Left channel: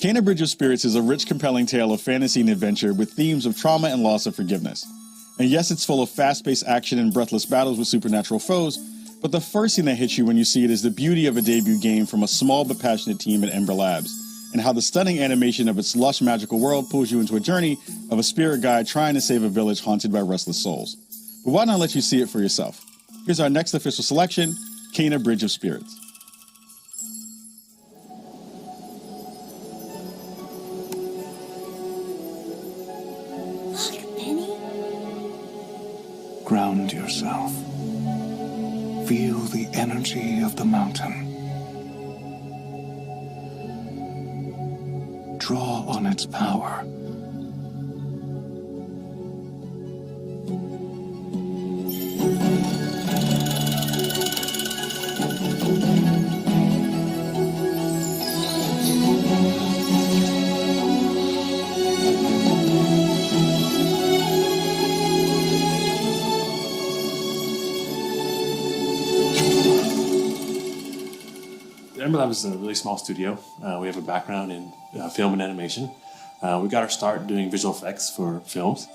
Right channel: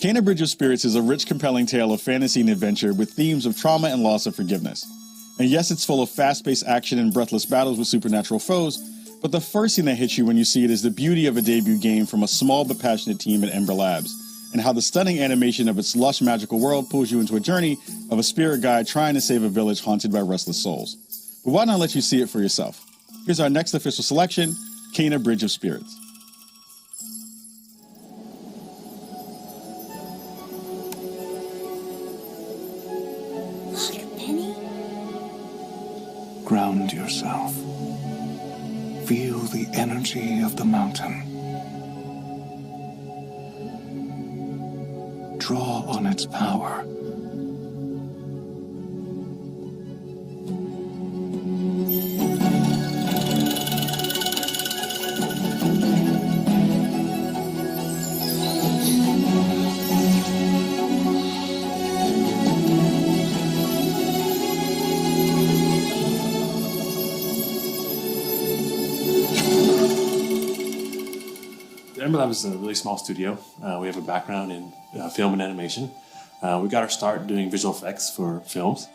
Kena Bridge of Spirits is a rich, compelling tale of fantasy and adventure with themes of trauma and loss and forgiveness. And yes, it's full of fast-paced action and breathless battles with supernatural foes, but the first thing that hits you when you see it is the beauty of a debut game from a small but passionate team at Ember Labs, and how the stunning animation of its lush, magical world pulls you into a journey of a spirit guide trying to save a village haunted by restless souls. But why not let you see it for yourself? Here's our next official selection, Kena Bridge of Spirits. Ground yourself. Feel the energy of the mountain. Draw on its power. Ember Lab is a really small studio. We have a background in film and animation. We got our start doing visual effects for films.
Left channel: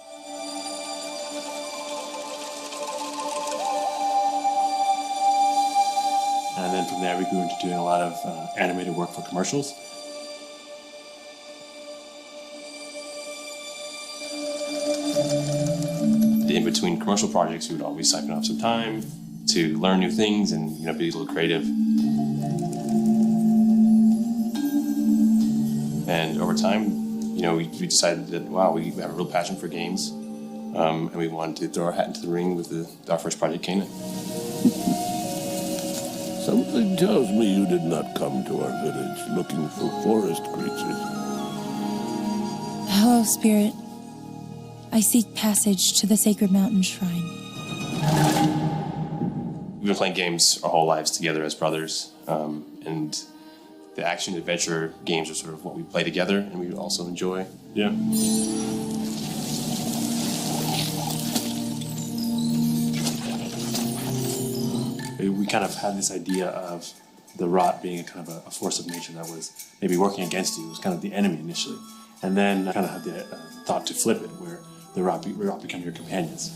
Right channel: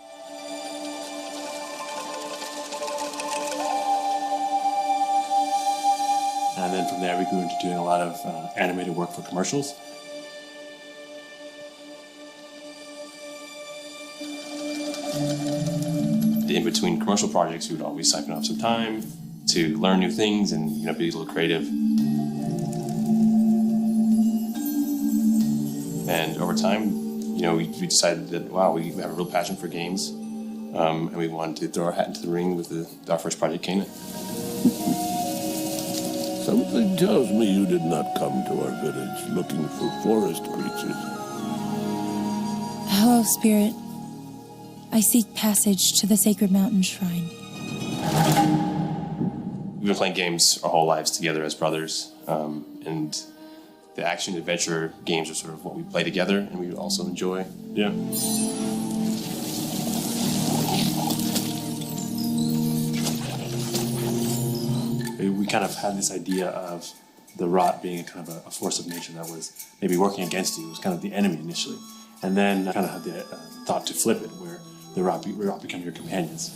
And then from there we grew into doing a lot of animated work for commercials. In between commercial projects, we would always siphon off some time to learn new things and be a little creative. And over time, we decided that, wow, we have a real passion for games, and we wanted to throw our hat into the ring with our first project, Kena. Something tells me you did not come to our village looking for forest creatures. Hello, Spirit. I seek passage to the sacred mountain shrine. We've been playing games our whole lives together as brothers, and the action-adventure games are sort of what we play together and we also enjoy. Yeah. We kind of had this idea of the rot being kind of a force of nature that was maybe working against you. It was kind of the enemy initially. And then I kind of had the thought to flip it, where the rot become your companions.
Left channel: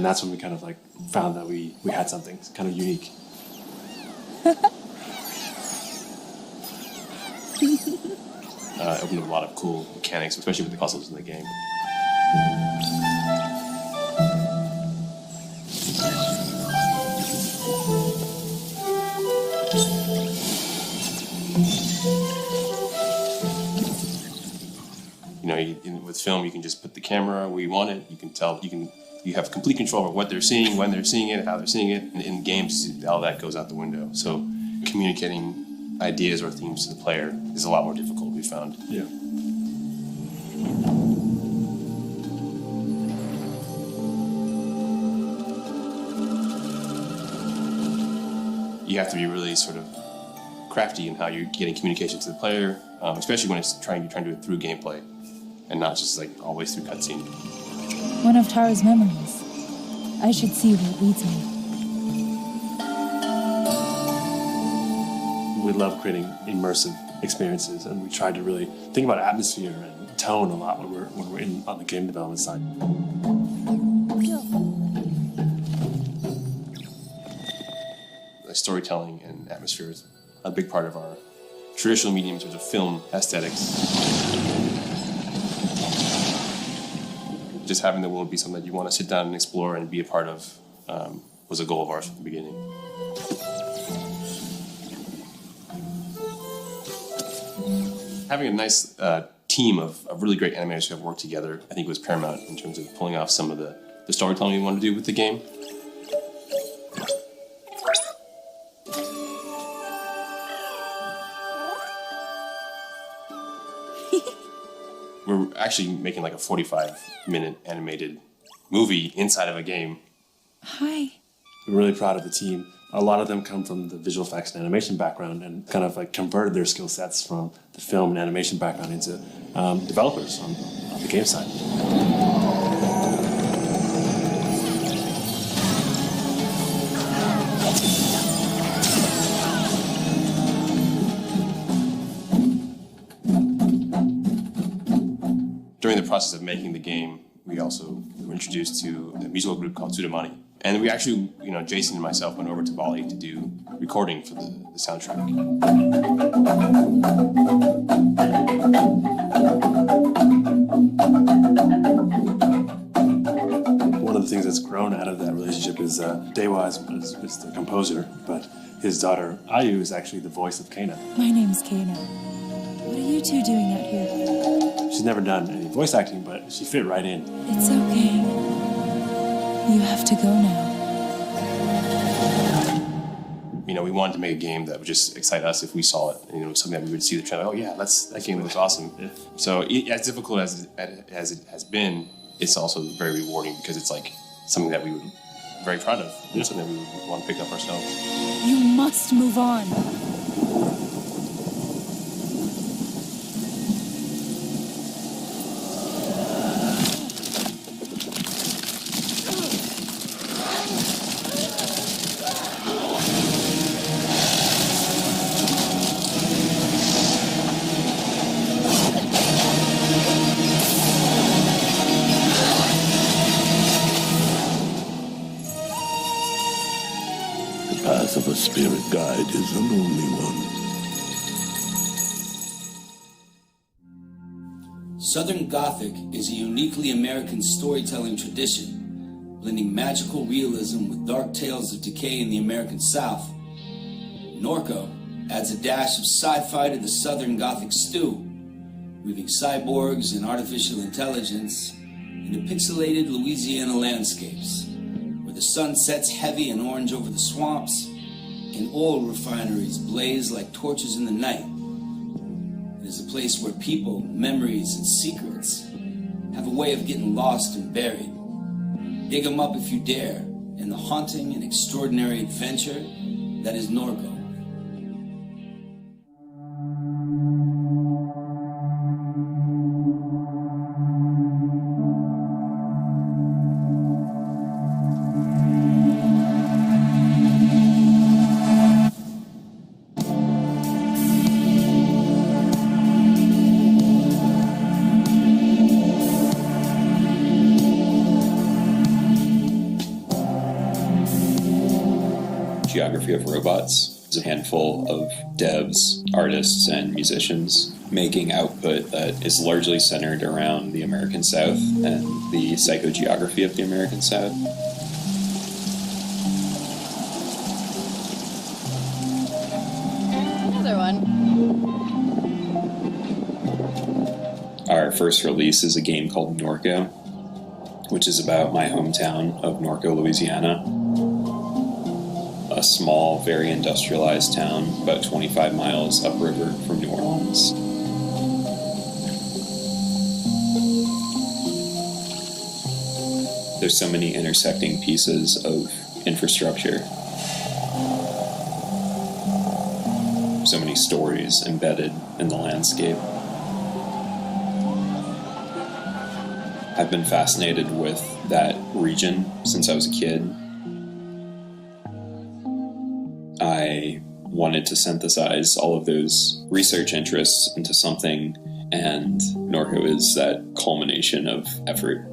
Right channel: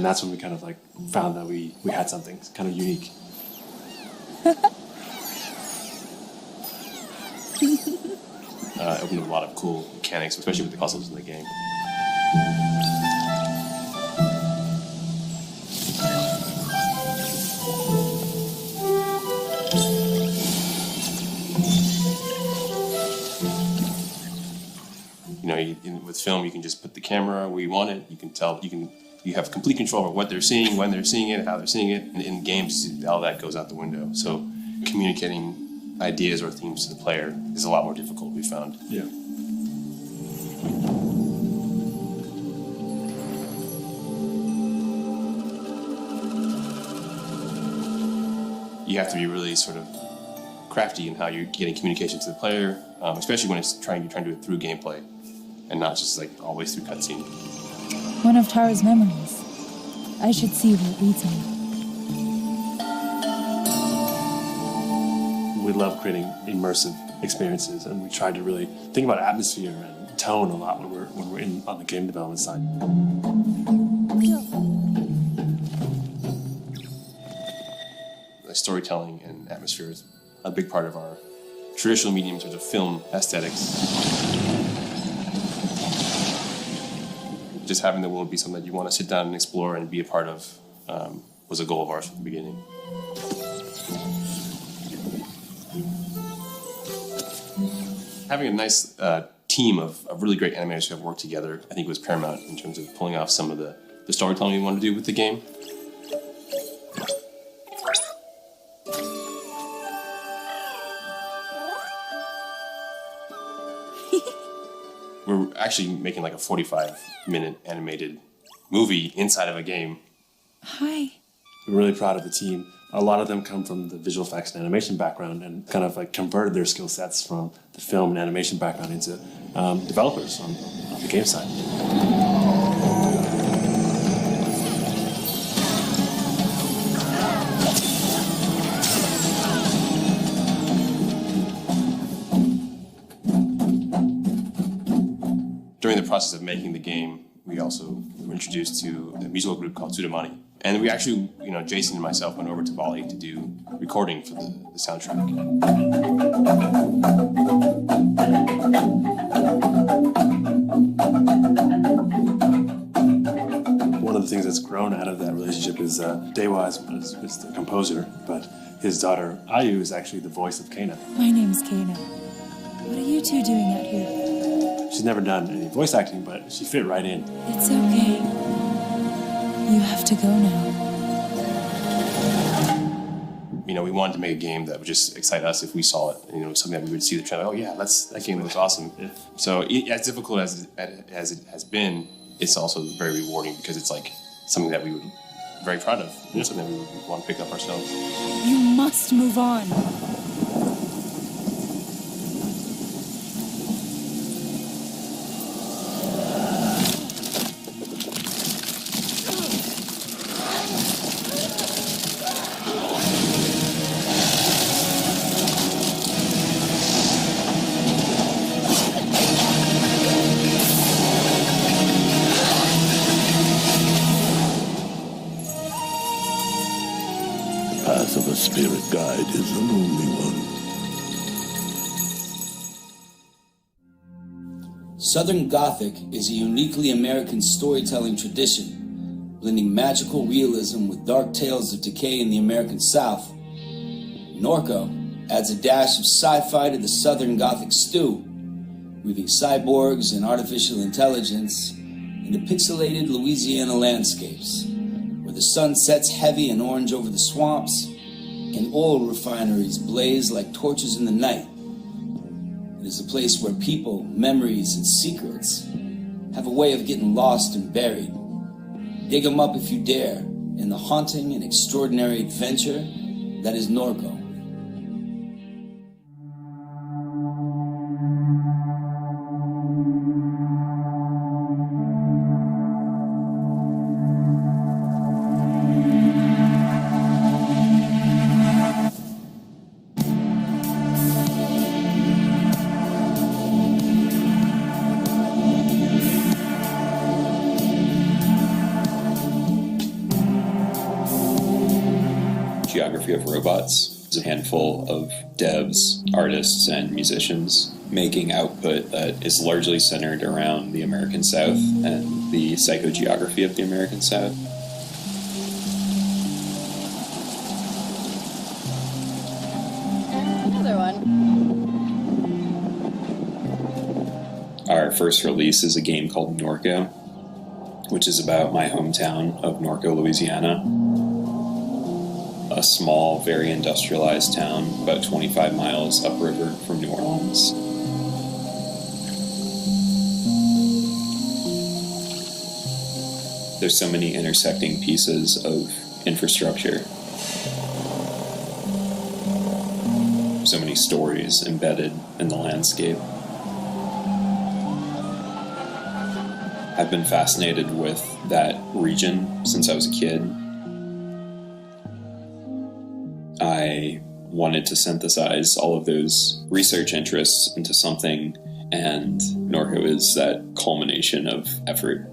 And that's when we kind of like found that we had something kind of unique. It opened up a lot of cool mechanics, especially with the puzzles in the game. With film, you can just put the camera where you want it. You can tell, you have complete control over what they're seeing, when they're seeing it, how they're seeing it. And in games, all that goes out the window. So communicating ideas or themes to the player is a lot more difficult, we found. Yeah. You have to be really sort of crafty in how you're getting communication to the player, especially when you're trying to do it through gameplay and not just like always through cutscene. One of Tara's memories. I should see where it leads me. We love creating immersive experiences, and we try to really think about atmosphere and tone a lot when we're on the game development side. Storytelling and atmosphere is a big part of our traditional medium in terms of film aesthetics. Just having the world be something that you want to sit down and explore and be a part of was a goal of ours from the beginning. Having a nice team of really great animators who have worked together, I think, was paramount in terms of pulling off some of the storytelling we wanted to do with the game. We're actually making like a 45-minute animated movie inside of a game. Hi. We're really proud of the team. A lot of them come from the visual effects and animation background and kind of like converted their skill sets from the film and animation background into developers on the game side. During the process of making the game, we also were introduced to a musical group called Tsudomani. And we actually, Jason and myself went over to Bali to do recording for the soundtrack. One of the things that's grown out of that relationship is Dewa is the composer, but his daughter Ayu is actually the voice of Kana. My name's Kana. What are you two doing out here? She's never done any voice acting, but she fit right in. It's okay. You have to go now. We wanted to make a game that would just excite us if we saw it. Something that we would see the trailer. Oh yeah, that game looks awesome. Yeah. So as difficult as it has been, it's also very rewarding because it's like something that we would be very proud of. Yeah. Something that we would want to pick up ourselves. You must move on. The path of a spirit guide is a lonely one. Southern Gothic is a uniquely American storytelling tradition, blending magical realism with dark tales of decay in the American South. Norco adds a dash of sci-fi to the Southern Gothic stew, weaving cyborgs and artificial intelligence into pixelated Louisiana landscapes, where the sun sets heavy and orange over the swamps, and oil refineries blaze like torches in the night. It is a place where people, memories, and secrets have a way of getting lost and buried. Dig them up if you dare in the haunting and extraordinary adventure that is Norco. geography of robots. There's a handful of devs, artists, and musicians making output that is largely centered around the American South and the psychogeography of the American South. Another one. Our first release is a game called Norco, which is about my hometown of Norco, Louisiana. A small, very industrialized town about 25 miles upriver from New Orleans. There's so many intersecting pieces of infrastructure. So many stories embedded in the landscape. I've been fascinated with that region since I was a kid. I wanted to synthesize all of those research interests into something, and Norco is that culmination of effort.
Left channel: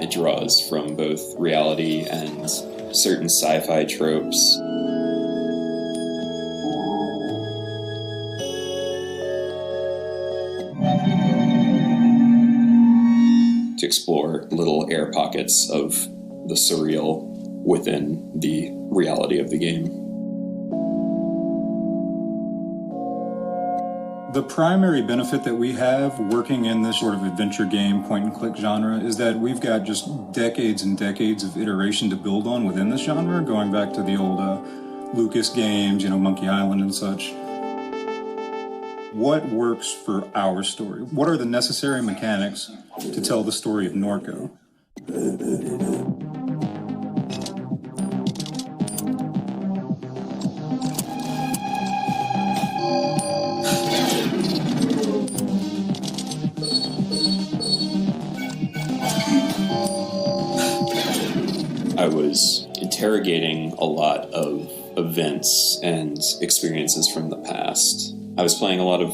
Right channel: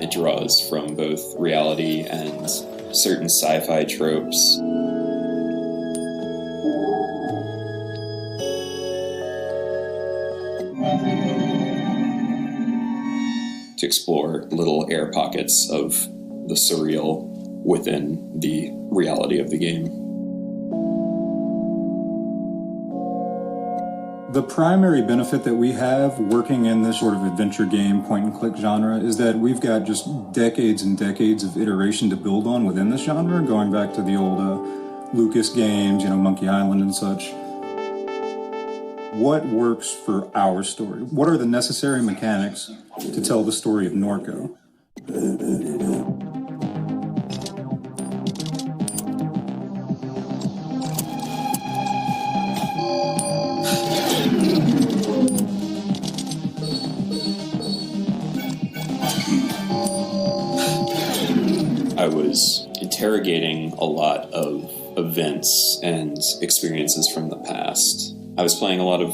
It draws from both reality and certain sci-fi tropes. To explore little air pockets of the surreal within the reality of the game. The primary benefit that we have working in this sort of adventure game, point-and-click genre is that we've got just decades and decades of iteration to build on within this genre, going back to the old Lucas games, Monkey Island and such. What works for our story? What are the necessary mechanics to tell the story of Norco? I was interrogating a lot of events and experiences from the past. I was playing a lot of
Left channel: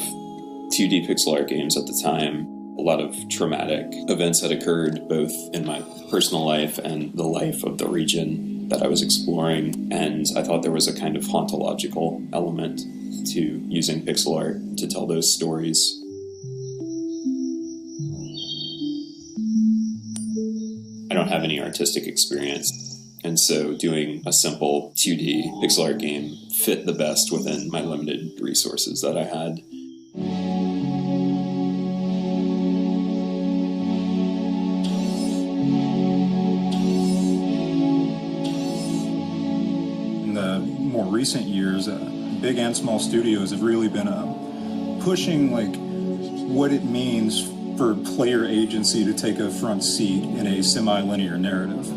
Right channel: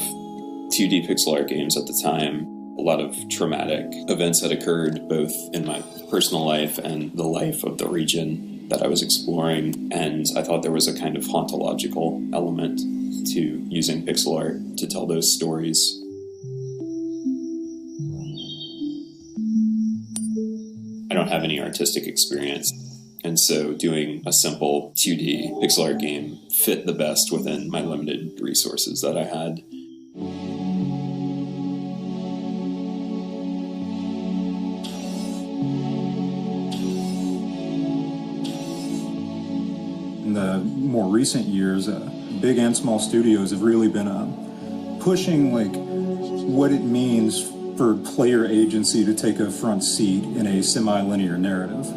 2D pixel art games at the time. A lot of traumatic events had occurred both in my personal life and the life of the region that I was exploring, and I thought there was a kind of hauntological element to using pixel art to tell those stories. I don't have any artistic experience, and so doing a simple 2D pixel art game fit the best within my limited resources that I had. In the more recent years, big and small studios have really been pushing what it means for player agency to take a front seat in a semi-linear narrative.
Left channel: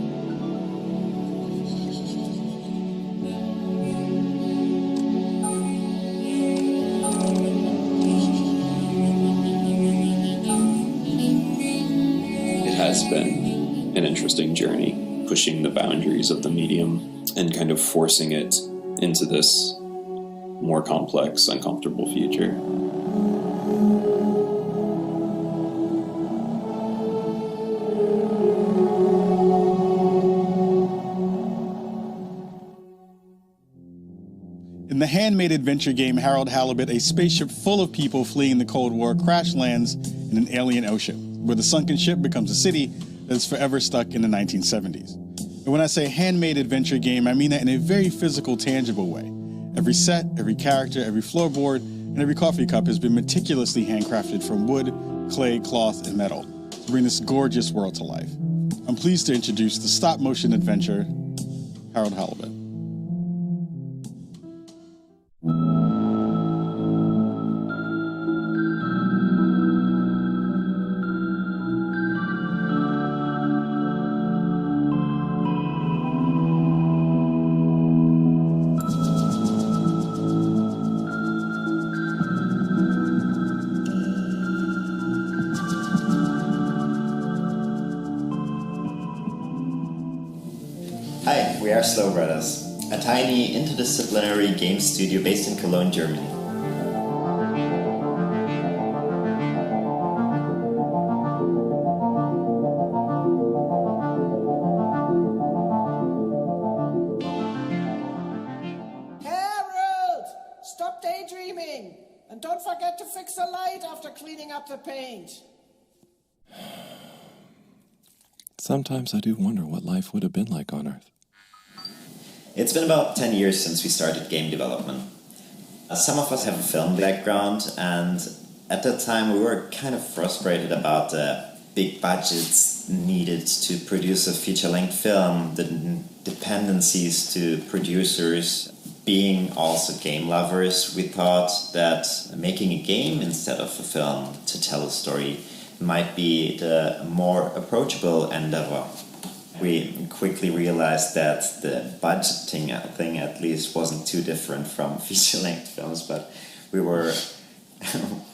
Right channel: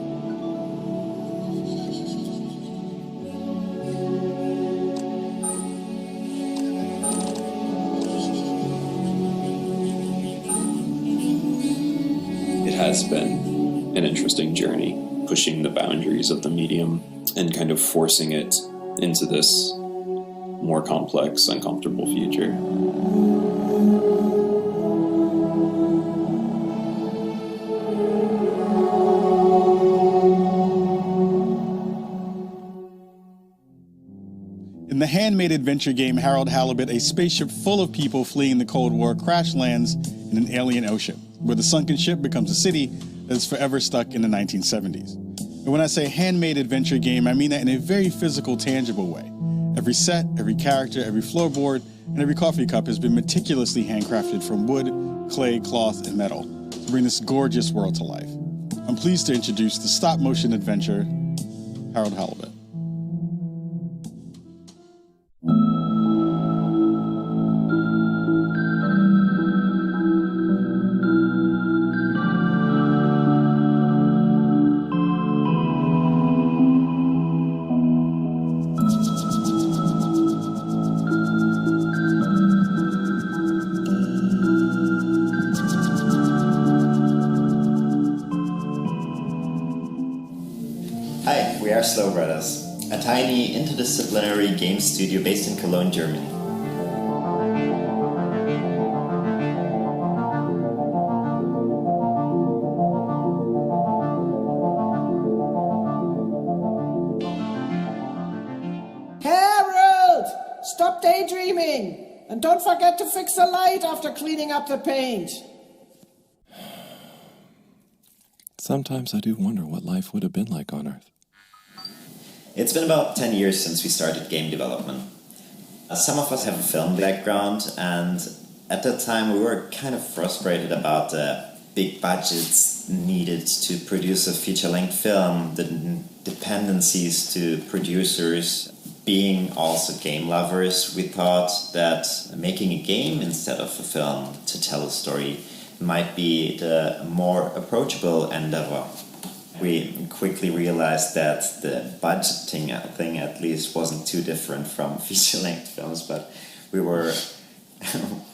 It has been an interesting journey, pushing the boundaries of the medium and kind of forcing it into this more complex, uncomfortable future. In the handmade adventure game Harold Halibut, a spaceship full of people fleeing the Cold War crash lands in an alien ocean, where the sunken ship becomes a city that is forever stuck in the 1970s. And when I say handmade adventure game, I mean that in a very physical, tangible way. Every set, every character, every floorboard, and every coffee cup has been meticulously handcrafted from wood, clay, cloth, and metal to bring this gorgeous world to life. I'm pleased to introduce the stop-motion adventure, Harold Halibut. Hi, we are Slow Brothers, a tiny interdisciplinary game studio based in Cologne, Germany. Harold! Stop daydreaming! And don't forget to fix the light after cleaning up the paint. Sometimes I do wonder what life would have been like on Earth. It's been about 10 years since we started game development. Some of us have a film background, and at that time we were kind of frustrated about the big budgets needed to produce a feature-length film, the dependencies to producers. Being also game lovers, we thought that making a game instead of a film to tell a story might be the more approachable endeavor. We quickly realized that the budgeting thing at least wasn't too different from feature-length films, but we were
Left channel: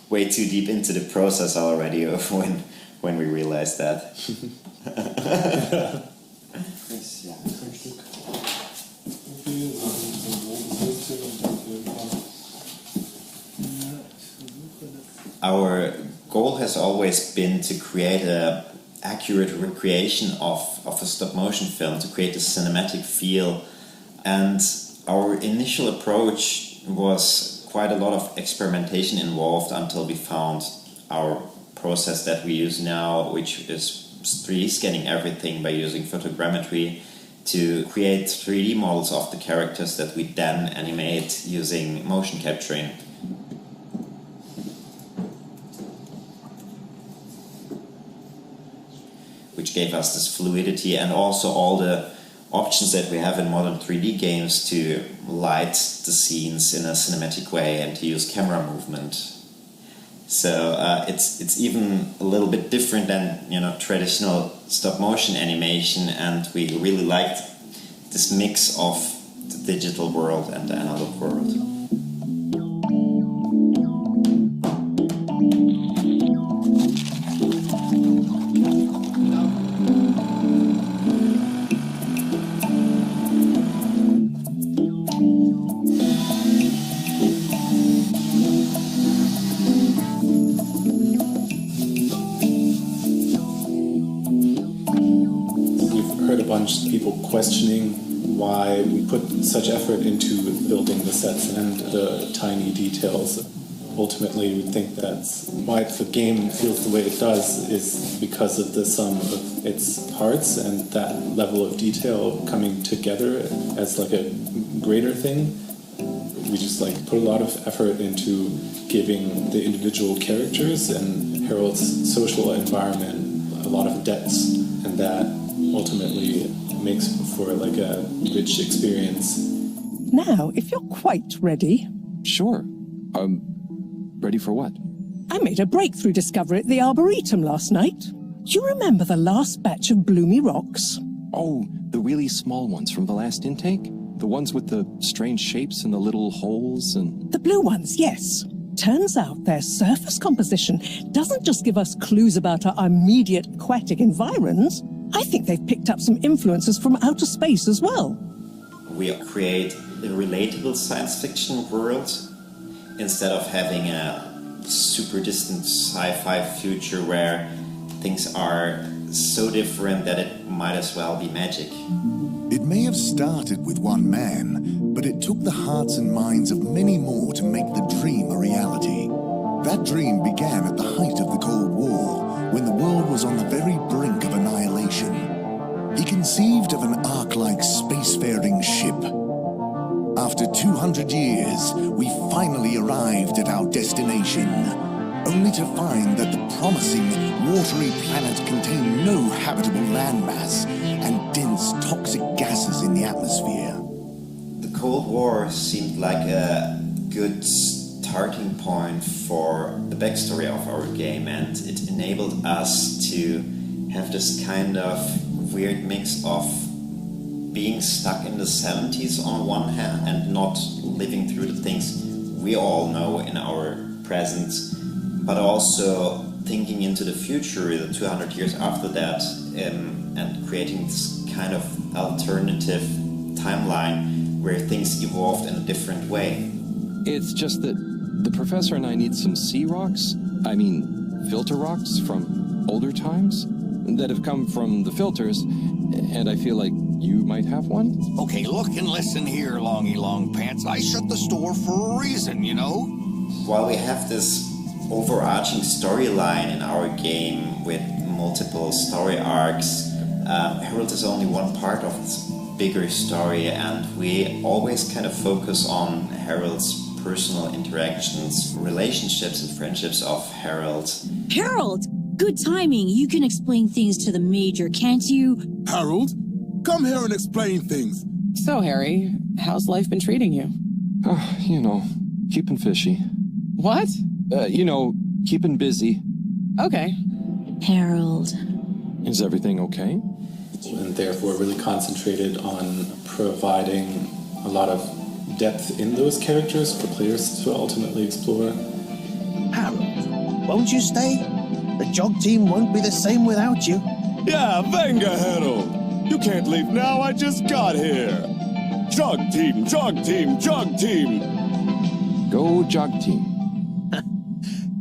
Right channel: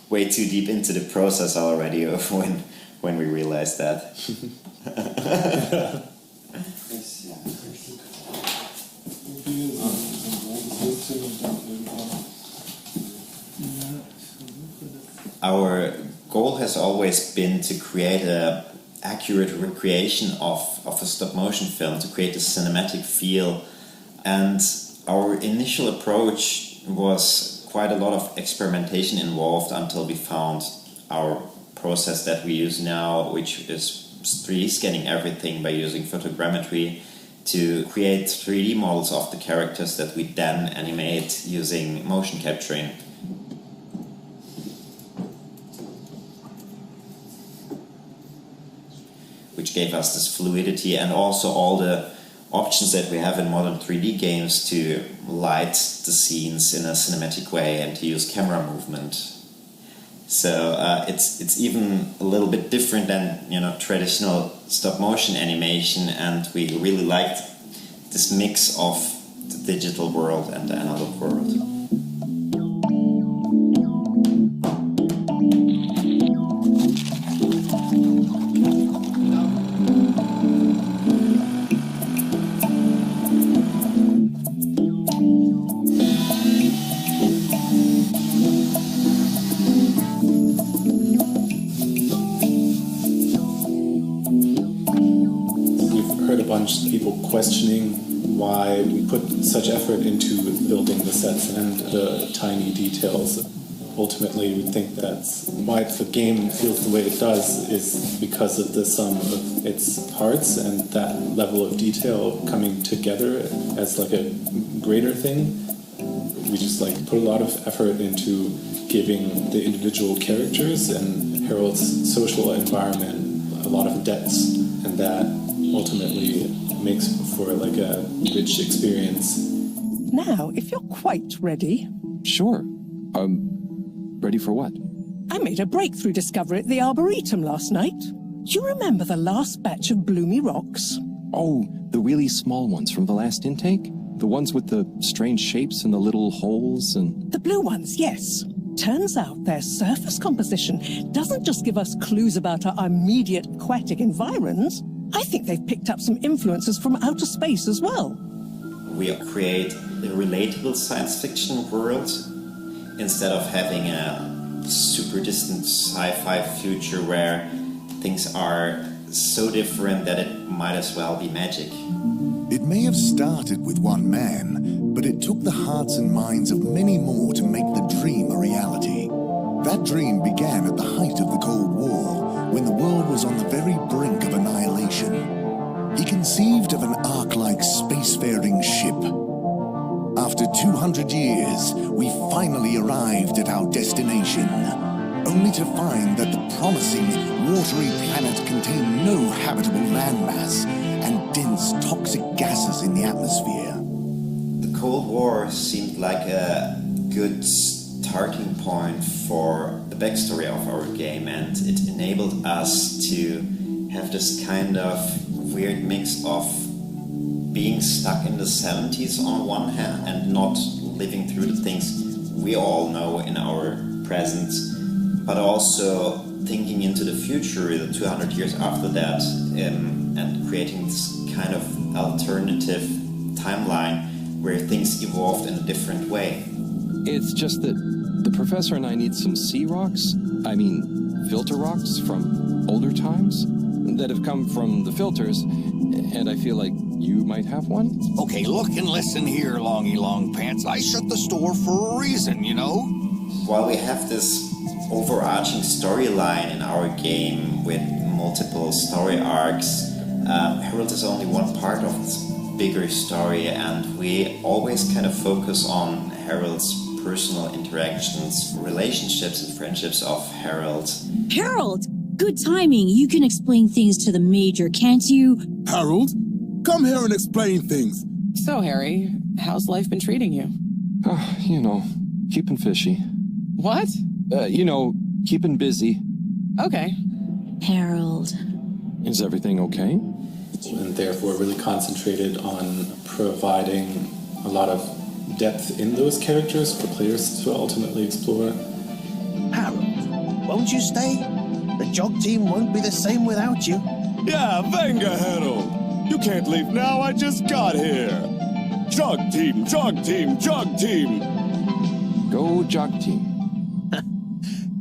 way too deep into the process already when we realized that. Our goal has always been to create an accurate recreation of a stop-motion film, to create a cinematic feel. And our initial approach was quite a lot of experimentation involved until we found our process that we use now, which is 3D scanning everything by using photogrammetry to create 3D models of the characters that we then animate using motion capturing. Which gave us this fluidity and also all the options that we have in modern 3D games to light the scenes in a cinematic way and to use camera movement. So it's even a little bit different than traditional stop motion animation, and we really liked this mix of the digital world and the analog world. People questioning why we put such effort into building the sets and the tiny details. Ultimately, we think that's why the game feels the way it does is because of the sum of its parts and that level of detail coming together as like a greater thing. We just put a lot of effort into giving the individual characters and Harold's social environment a lot of depths, and that ultimately makes for a rich experience. Now, if you're quite ready. Sure. Ready for what? I made a breakthrough discovery at the Arboretum last night. Do you remember the last batch of bloomy rocks? Oh, the really small ones from the last intake? The ones with the strange shapes and the little holes and... The blue ones, yes. Turns out their surface composition doesn't just give us clues about our immediate aquatic environs. I think they've picked up some influences from outer space as well. We create a relatable science fiction world instead of having a super distant sci-fi future where things are so different that it might as well be magic. It may have started with one man, but it took the hearts and minds of many more to make the dream a reality. That dream began at the height of the Cold War, when the world was on the very brink of annihilation. He conceived of an ark-like spacefaring ship. After 200 years, we finally arrived at our destination, only to find that the promising, watery planet contained no habitable landmass and dense toxic gases in the atmosphere. The Cold War seemed like a good starting point for the backstory of our game, and it enabled us to have this kind of weird mix of being stuck in the 70s on one hand and not living through the things we all know in our present, but also thinking into the future, the 200 years after that, and creating this kind of alternative timeline where things evolved in a different way. It's just that the professor and I need some sea rocks, filter rocks from older times that have come from the filters, and I feel like you might have one? Okay, look and listen here, Longy Long Pants. I shut the store for a reason, you know? While we have this overarching storyline in our game with multiple story arcs, Herald is only one part of this bigger story, and we always kind of focus on Herald's personal interactions, relationships and friendships of Herald. Herald! Good timing. You can explain things to the Major, can't you? Harold, come here and explain things. So, Harry, how's life been treating you? Keeping fishy. What? Keeping busy. Okay. Harold. Is everything okay? And therefore really concentrated on providing a lot of depth in those characters for players to ultimately explore. Harold, won't you stay? The jog team won't be the same without you. Yeah, venga, Harold. You can't leave now, I just got here. Jog team, jog team, jog team. Go jog team.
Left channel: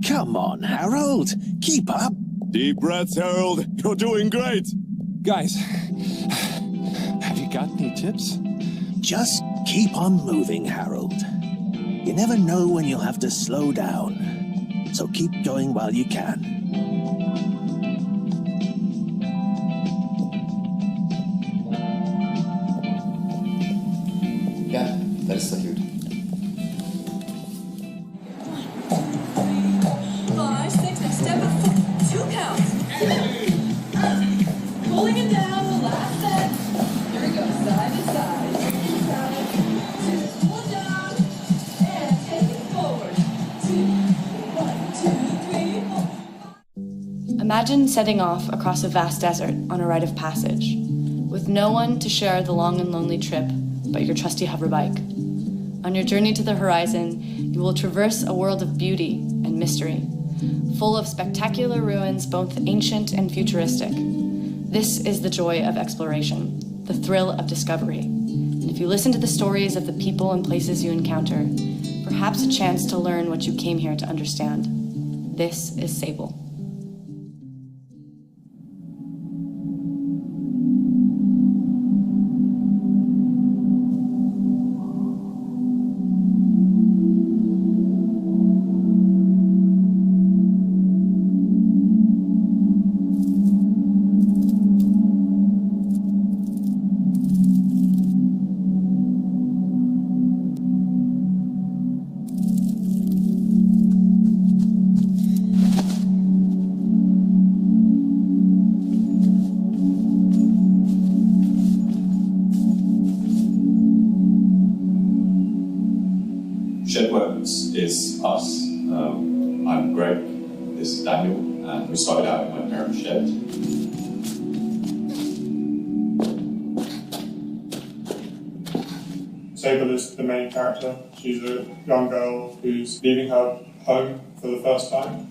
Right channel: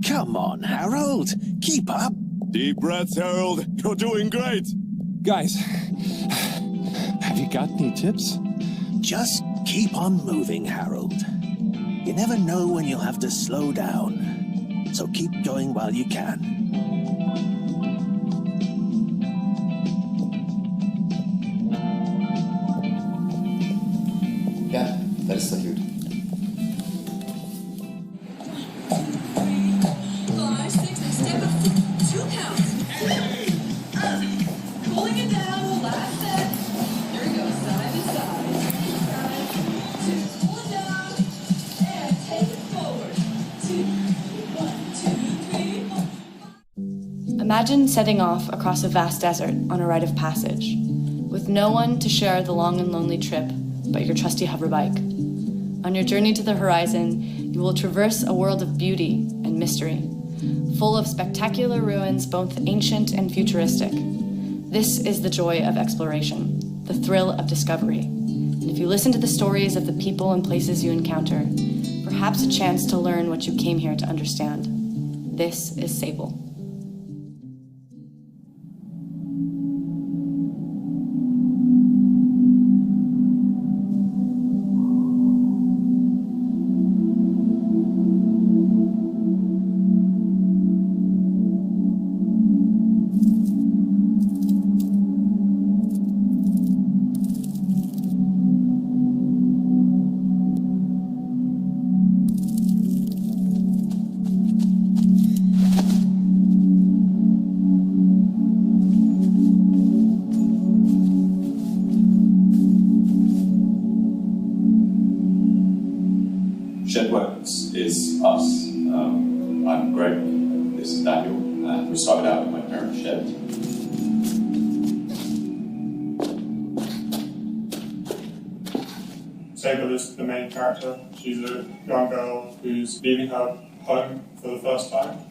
Come on, Harold. Keep up. Deep breaths, Harold. You're doing great. Guys, have you got any tips? Just keep on moving, Harold. You never know when you'll have to slow down. So keep going while you can. Ja, dat is toch goed. Imagine setting off across a vast desert on a rite of passage, with no one to share the long and lonely trip but your trusty hover bike. On your journey to the horizon, you will traverse a world of beauty and mystery, full of spectacular ruins, both ancient and futuristic. This is the joy of exploration, the thrill of discovery. And if you listen to the stories of the people and places you encounter, perhaps a chance to learn what you came here to understand. This is Sable. Shedworks is us. I'm Greg, this is Daniel, and we started out in my parents' shed. Sable is the main character. She's a young girl who's leaving her home for the first time.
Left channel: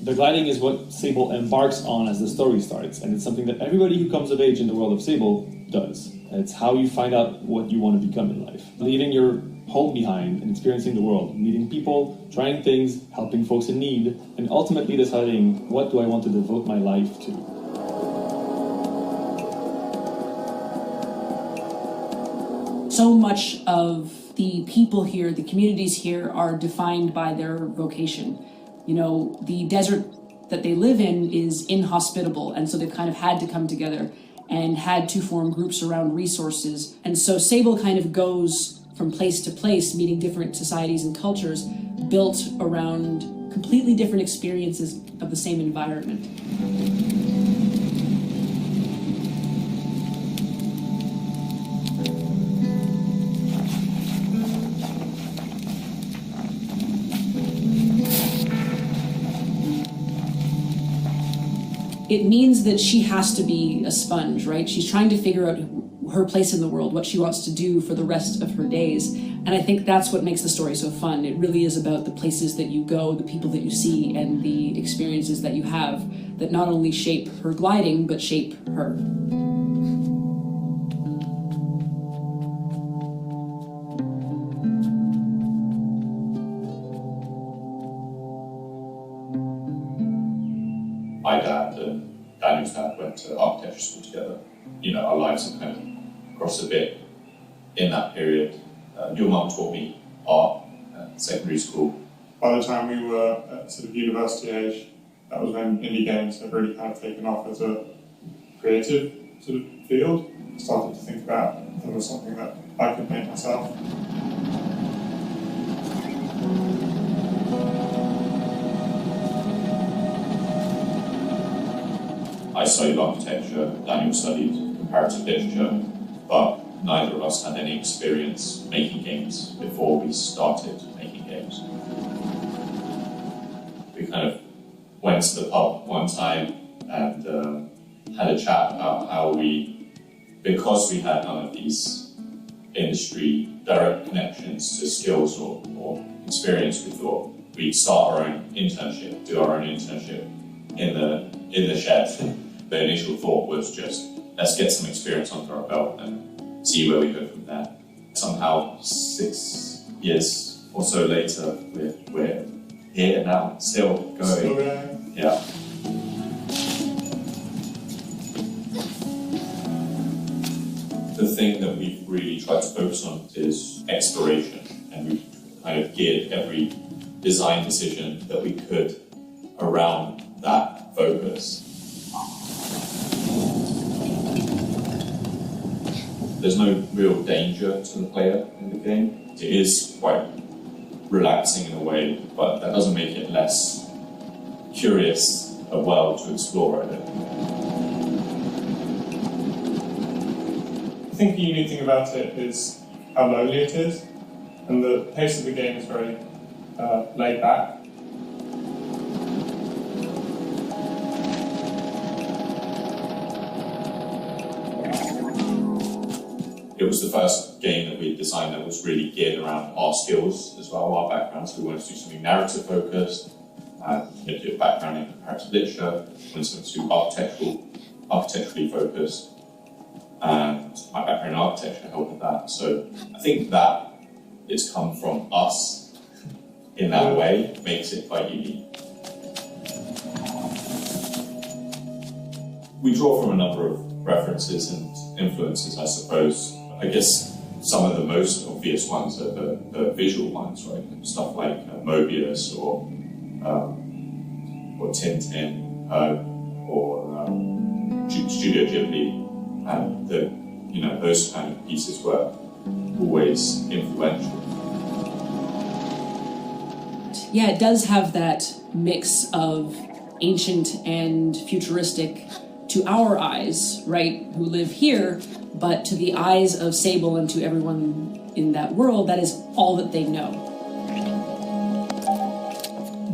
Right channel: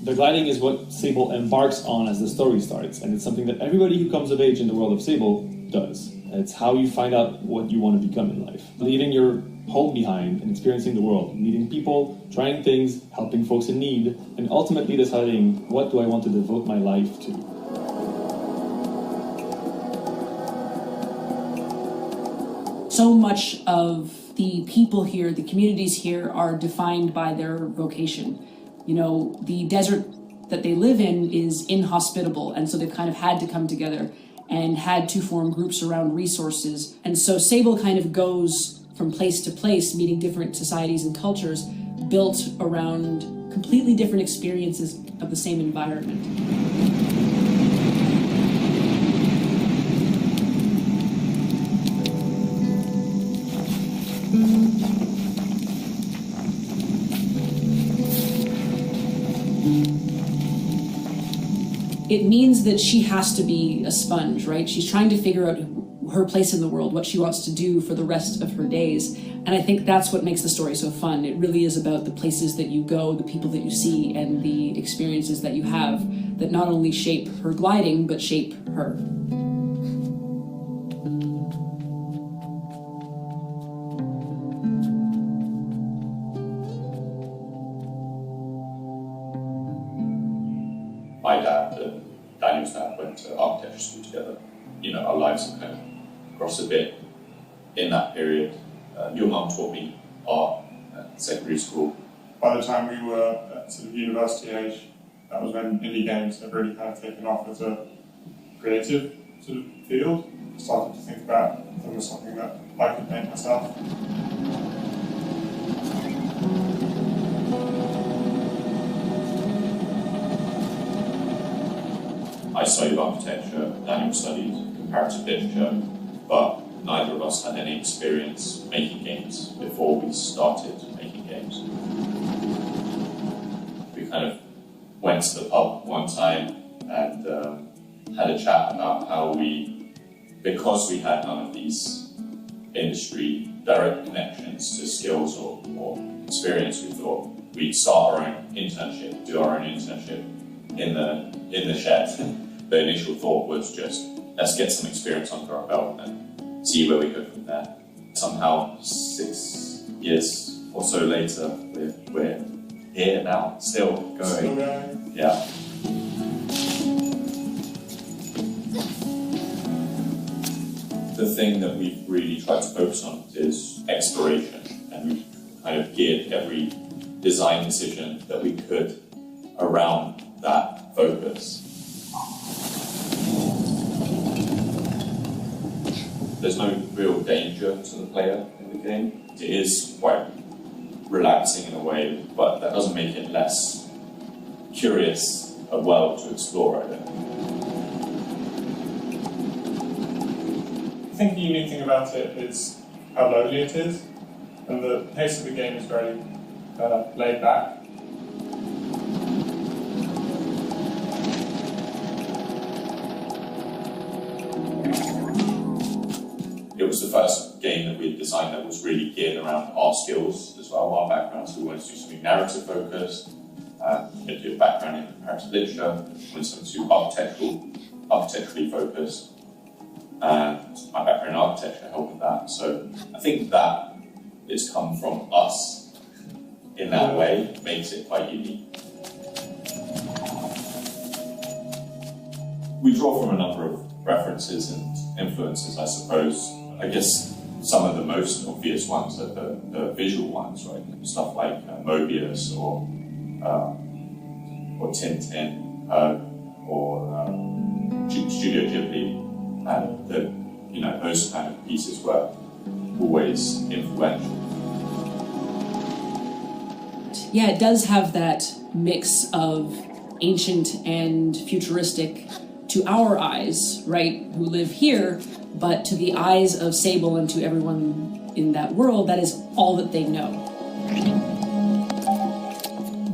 The gliding is what Sable embarks on as the story starts, and it's something that everybody who comes of age in the world of Sable does. It's how you find out what you want to become in life. Leaving your home behind and experiencing the world, meeting people, trying things, helping folks in need, and ultimately deciding, what do I want to devote my life to? So much of the people here, the communities here, are defined by their vocation. You know, the desert that they live in is inhospitable, and so they've kind of had to come together and had to form groups around resources. And so Sable kind of goes from place to place, meeting different societies and cultures, built around completely different experiences of the same environment. it means that she has to be a sponge, right? She's trying to figure out her place in the world, what she wants to do for the rest of her days. And I think that's what makes the story so fun. It really is about the places that you go, the people that you see, and the experiences that you have that not only shape her gliding, but shape her. My dad and Daniel's dad went to architecture school together. You know, our lives have kind of crossed a bit in that period. Your mum taught me art at secondary school. By the time we were at sort of university age, that was when indie games had really kind of taken off as a creative sort of field. I started to think about if there was something that I could make myself. I studied architecture, Daniel studied comparative literature, but neither of us had any experience making games before we started making games. We kind of went to the pub one time and had a chat about how because we had none of these industry direct connections to skills or experience, we thought we'd start our own internship, do our own internship in the shed. The initial thought was just, let's get some experience under our belt and see where we go from there. Somehow, 6 years or so later, we're here now, still going. Yeah. The thing that we've really tried to focus on is exploration, and we've kind of geared every design decision that we could around that focus. There's no real danger to the player in the game. It is quite relaxing in a way, but that doesn't make it less curious a world to explore, I don't think. I think the unique thing about it is how lonely it is, and the pace of the game is very laid back. It was the first game that we designed that was really geared around our skills as well, our backgrounds. We wanted to do something narrative focused, do a background in comparative literature, wanted something to architecturally focused, and my background in architecture helped with that. So I think that it's come from us in that way makes it quite unique. We draw from a number of references and influences, I suppose. I guess some of the most obvious ones are the visual ones, right? Stuff like Mobius or Tintin or Studio Ghibli, and those kind of pieces were always influential. Yeah, it does have that mix of ancient and futuristic to our eyes, right, who live here, but to the eyes of Sable and to everyone in that world, that is all that they know.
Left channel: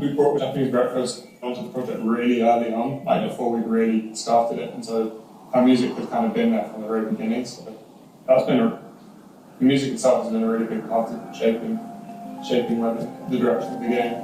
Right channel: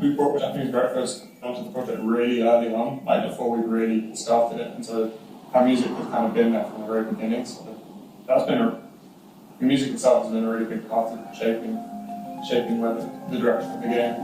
We brought Japanese breakfast onto the project really early on, like before we really started it, and so our music has kind of been there from the very beginning. So that's been the music itself has been a really big part of shaping the direction of the game.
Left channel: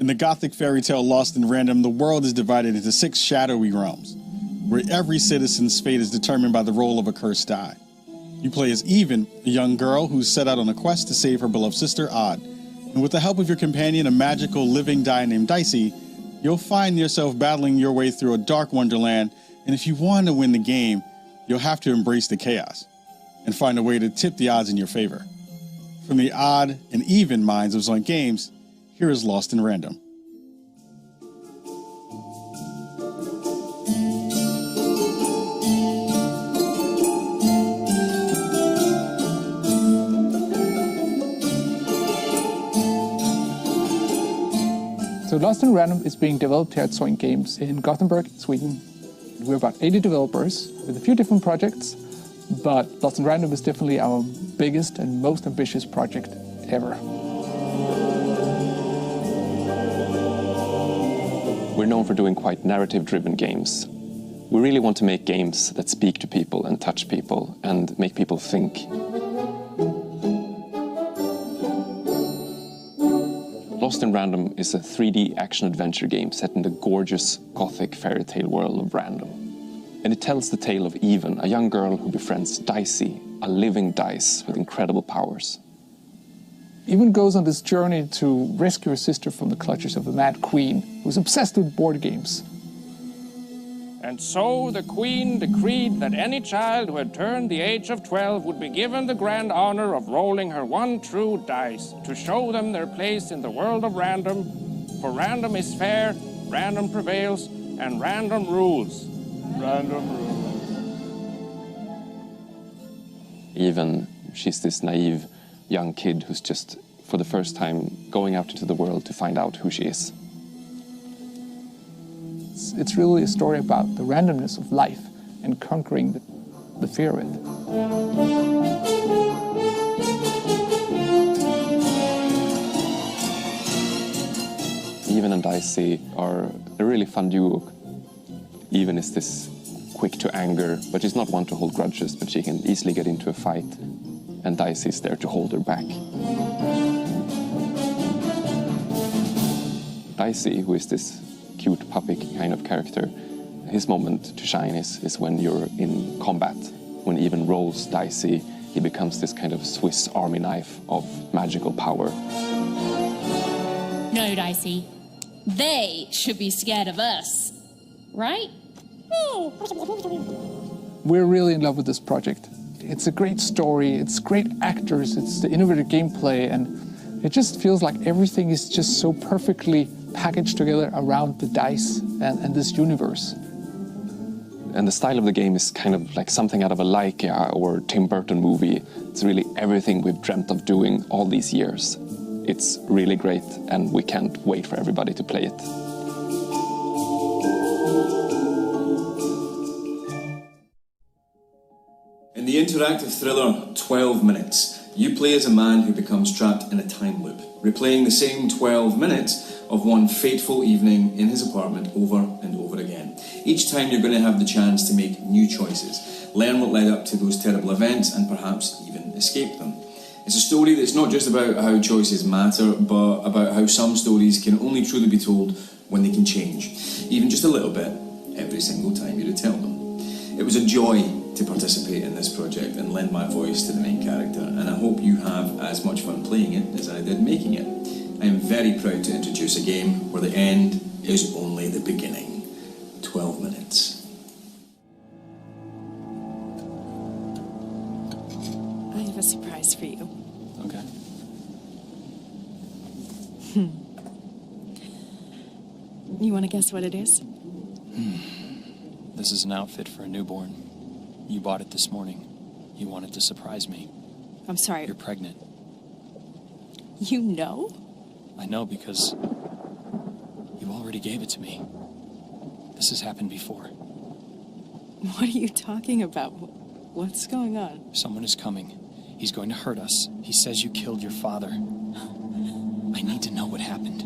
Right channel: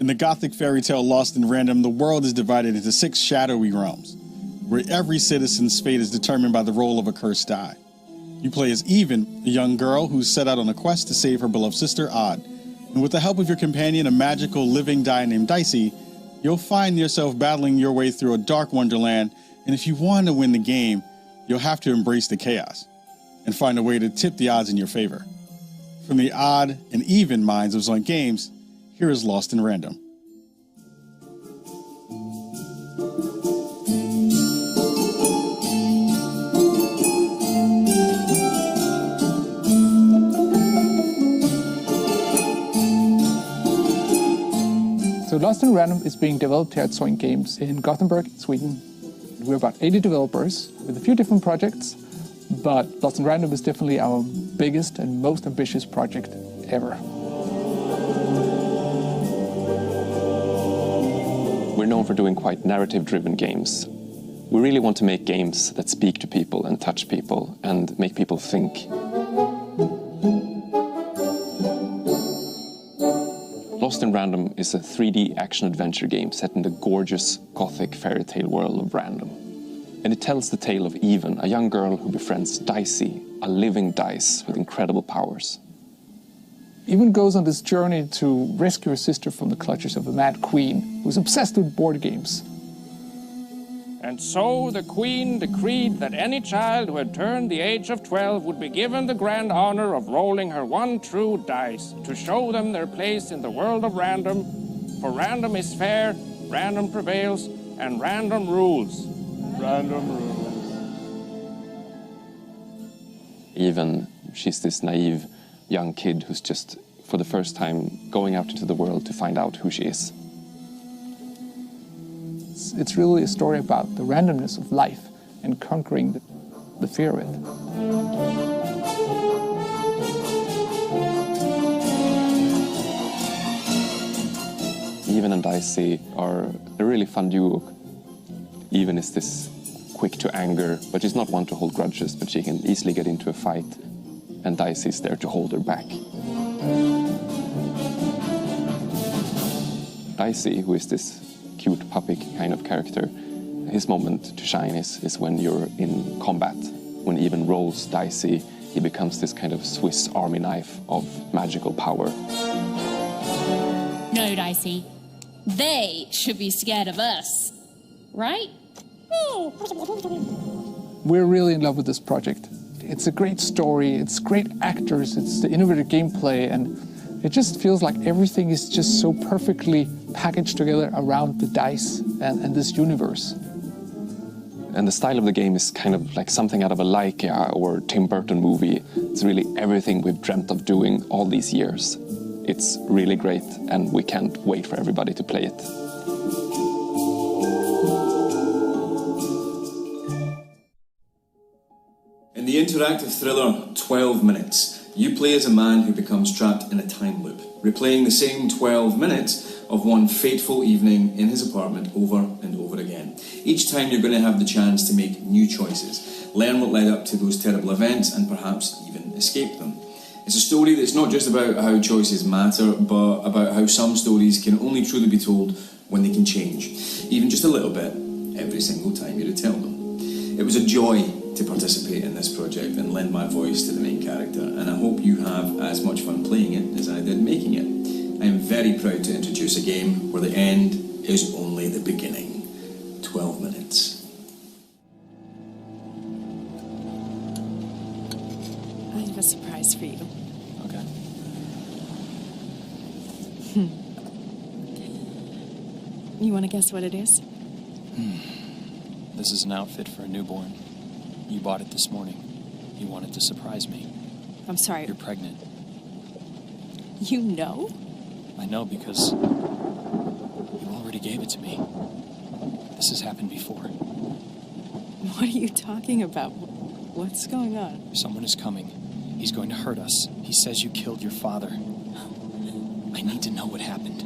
In the Gothic fairy tale Lost in Random, the world is divided into 6 shadowy realms, where every citizen's fate is determined by the roll of a cursed die. You play as Even, a young girl who's set out on a quest to save her beloved sister, Odd. And with the help of your companion, a magical living die named Dicey, you'll find yourself battling your way through a dark wonderland, and if you want to win the game, you'll have to embrace the chaos and find a way to tip the odds in your favor. From the Odd and Even minds of Zoink Games, here is Lost in Random. So Lost in Random is being developed here at Zoink Games in Gothenburg, Sweden. We're about 80 developers with a few different projects, but Lost in Random is definitely our biggest and most ambitious project ever. We're known for doing quite narrative-driven games. We really want to make games that speak to people and touch people and make people think. Lost in Random is a 3D action-adventure game set in the gorgeous Gothic fairy tale world of Random. And it tells the tale of Even, a young girl who befriends Dicey, a living dice with incredible powers. Even goes on this journey to rescue her sister from the clutches of a mad queen who's obsessed with board games. And so the Queen decreed that any child who had turned the age of 12 would be given the grand honor of rolling her one true dice to show them their place in the world of Random. For Random is fair, Random prevails, and Random rules. Random rules. Even, she's this naive young kid who's just, for the first time, going out into the world to find out who she is. It's really a story about the randomness of life and conquering the fear of it. Even and Dicey are a really fun duo. Even is this quick to anger, but she's not one to hold grudges, but she can easily get into a fight, and Dicey is there to hold her back. Dicey, who is this cute puppy kind of character, his moment to shine is when you're in combat. When Even rolls Dicey, he becomes this kind of Swiss army knife of magical power. No, Dicey. They should be scared of us. Right? We're really in love with this project. It's a great story, it's great actors, it's the innovative gameplay, and it just feels like everything is just so perfectly packaged together around the dice and this universe. And the style of the game is kind of like something out of a Laika or Tim Burton movie. It's really everything we've dreamt of doing all these years. It's really great, and we can't wait for everybody to play it. In the interactive thriller 12 Minutes, you play as a man who becomes trapped in a time loop, replaying the same 12 minutes of one fateful evening in his apartment over and over again. Each time you're going to have the chance to make new choices, learn what led up to those terrible events, and perhaps even escape them. It's a story that's not just about how choices matter, but about how some stories can only truly be told when they can change, even just a little bit, every single time you retell them. It was a joy to participate in this project and lend my voice to the main character, and I hope you have as much fun playing it as I did making it. I am very proud to introduce a game where the end is only the beginning. 12 minutes. I have a surprise for you. Okay. You want to guess what it is? This is an outfit for a newborn. You bought it this morning. You wanted to surprise me. I'm sorry. You're pregnant. You know? I know because you already gave it to me. This has happened before. What are you talking about? What's going on? Someone is coming. He's going to hurt us. He says you killed your father. I need to know what happened.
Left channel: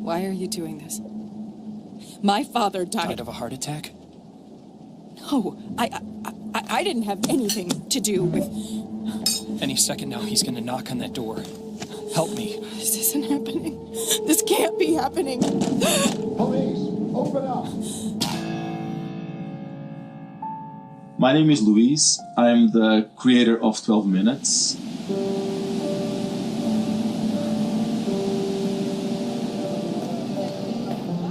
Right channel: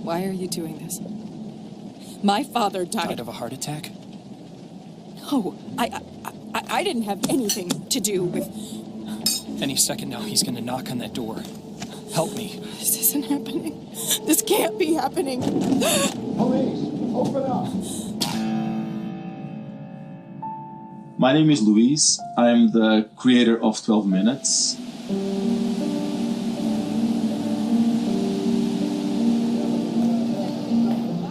Why are you doing this? My father died. Died of a heart attack? No, I didn't have anything to do with... Any second now, he's going to knock on that door. Help me. This isn't happening. This can't be happening. Police, open up. My name is Luis. I'm the creator of 12 Minutes.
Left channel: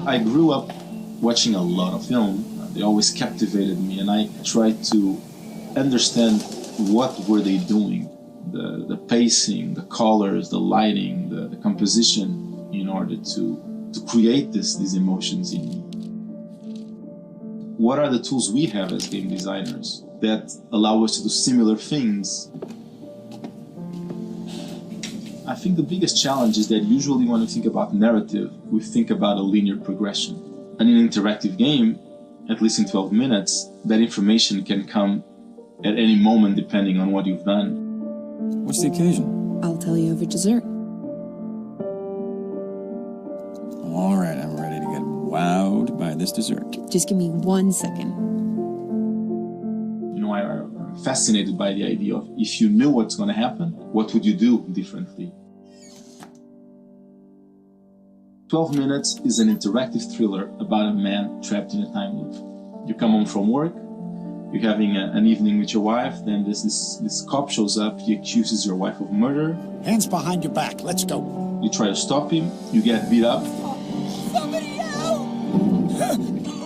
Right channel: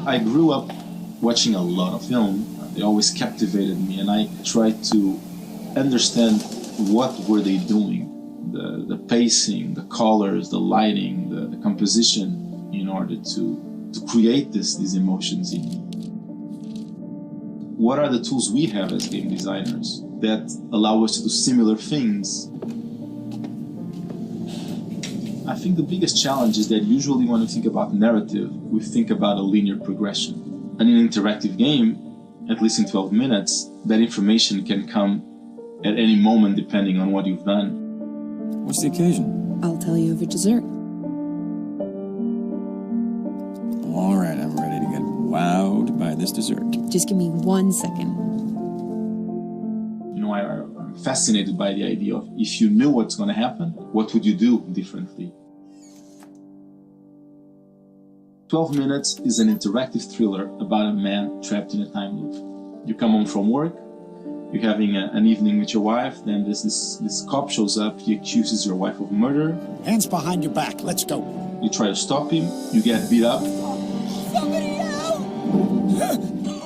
I grew up watching a lot of film. They always captivated me, and I tried to understand what were they doing, the pacing, the colors, the lighting, the composition, in order to create these emotions in me. What are the tools we have as game designers that allow us to do similar things? I think the biggest challenge is that usually when we think about narrative, we think about a linear progression. And in an interactive game, at least in 12 minutes, that information can come at any moment depending on what you've done. What's the occasion? I'll tell you over dessert. All right, I'm ready to get wowed by this dessert. Just give me 1 second. You know, I'm fascinated by the idea of if you knew what's going to happen, what would you do differently? 12 Minutes is an interactive thriller about a man trapped in a time loop. You come home from work, you're having an evening with your wife, then this cop shows up, he accuses your wife of murder. Hands behind your back, let's go. You try to stop him, you get beat up. Somebody help!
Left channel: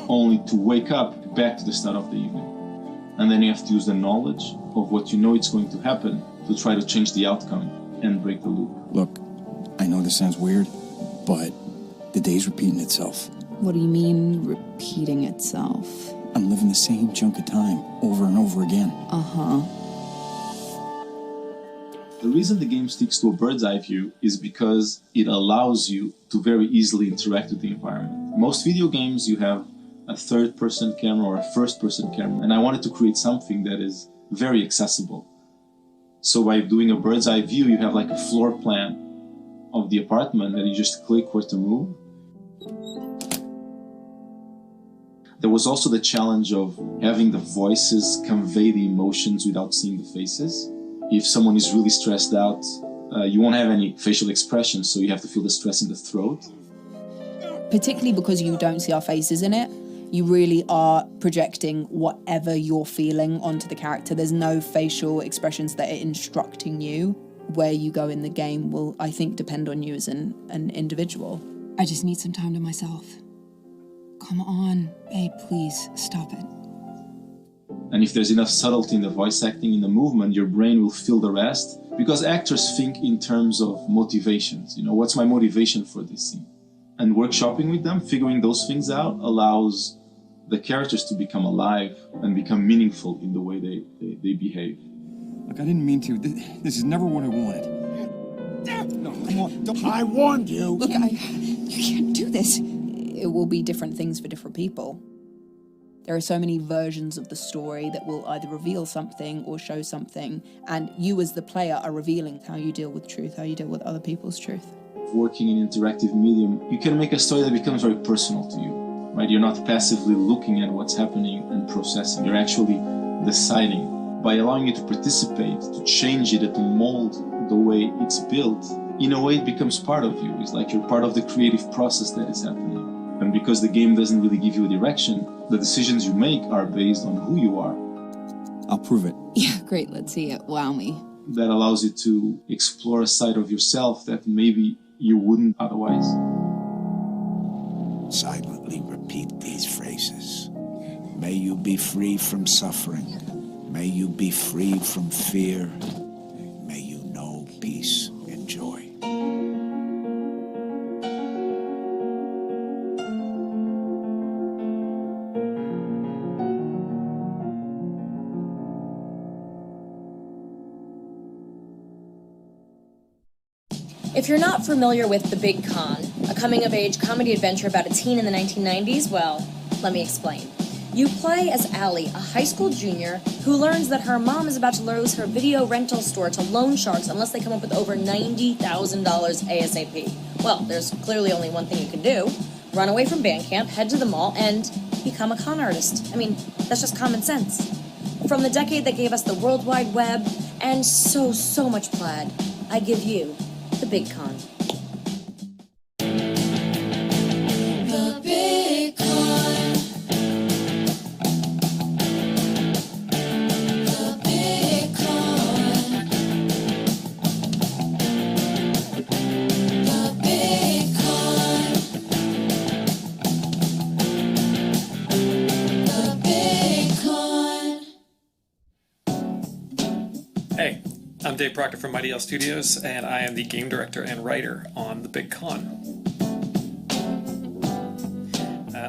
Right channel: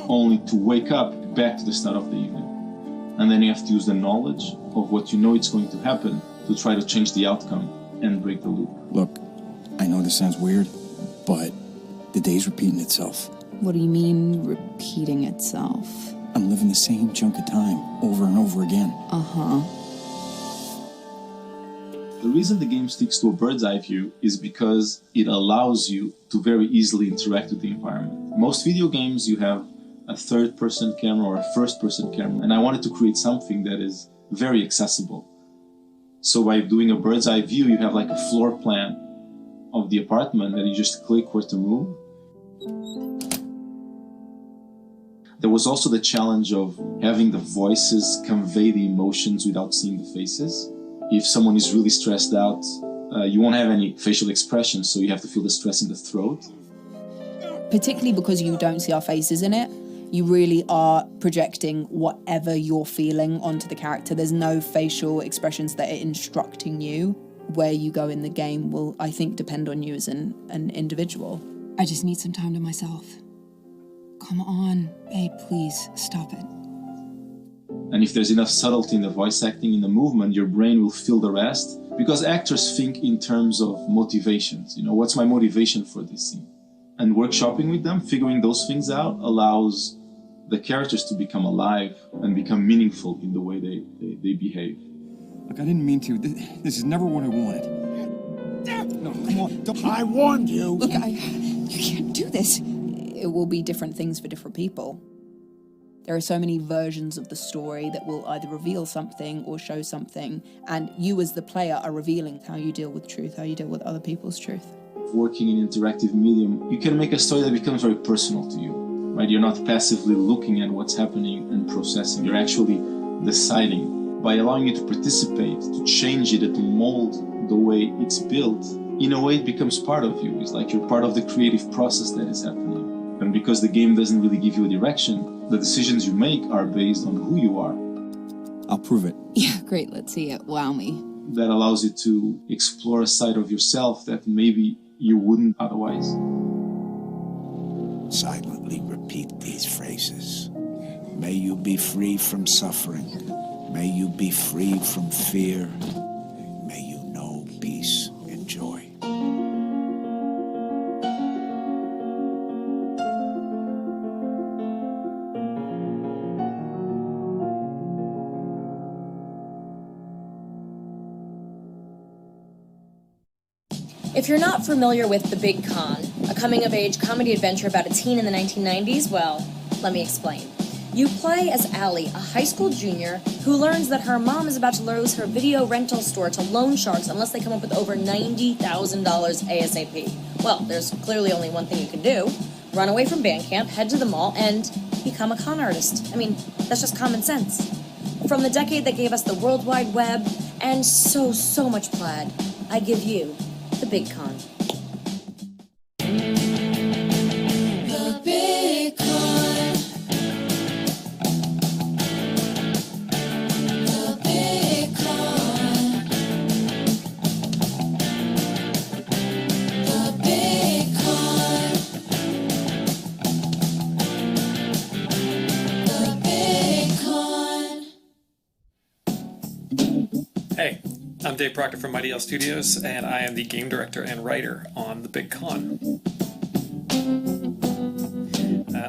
Only to wake up back to the start of the evening. And then you have to use the knowledge of what you know it's going to happen to try to change the outcome and break the loop. Look, I know this sounds weird, but the day's repeating itself. What do you mean, repeating itself? I'm living the same chunk of time over and over again. Uh-huh. The reason the game sticks to a bird's eye view is because it allows you to very easily interact with the environment. Most video games, you have a third-person camera or a first-person camera, and I wanted to create something that is very accessible. So by doing a bird's eye view, you have like a floor plan of the apartment that you just click where to move. There was also the challenge of having the voices convey the emotions without seeing the faces. If someone is really stressed out, you won't have any facial expressions, so you have to feel the stress in the throat. Particularly because you don't see our faces in it, you really are projecting whatever you're feeling onto the character. There's no facial expressions that are instructing you. Where you go in the game will, I think, depend on you as an individual. I just need some time to myself. Come on, babe, please, stop it. And if there's enough subtlety in the voice acting, in the movement, your brain will fill the rest. Because actors think in terms of motivations. You know, what's my motivation for this scene? And workshopping with them, figuring those things out, allows the characters to become alive and become meaningful in the way they behave. Look, I didn't mean to. This is never what I wanted. No, come on. I warned you. Look, you can't do this. It will be different things for different people. There are so many versions of the story that will either reveal something or show something, and you as the player are revealing how you deal with truth, how you deal with other people's truth. Working in interactive medium, you can make a story that becomes very personal to you, right? You're not passively looking at what's happening and processing. You're actually deciding. By allowing you to participate, to change it, to mold the way it's built, in a way it becomes part of you. It's like you're part of the creative process that is happening. And because the game doesn't really give you a direction, the decisions you make are based on who you are. I'll prove it. Yeah, great. Let's see it. Wow me. That allows you to explore a side of yourself that maybe you wouldn't otherwise. Silently repeat these phrases. May you be free from suffering. May you be free from fear. May you know peace and joy. If you're not familiar with The Big Con, a coming-of-age comedy adventure about a teen in the 1990s, well, let me explain. You play as Allie, a high school junior who learns that her mom is about to lose her video rental store to loan sharks unless they come up with over $90,000 ASAP. Well, there's clearly only one thing you can do. Run away from band camp, head to the mall, and become a con artist. I mean, that's just common sense. From the decade that gave us the World Wide Web and so much plaid, I give you The Big Con. The Big Con. I'm Dave Proctor from Mighty Owl Studios, and I am the game director and writer on The Big Con.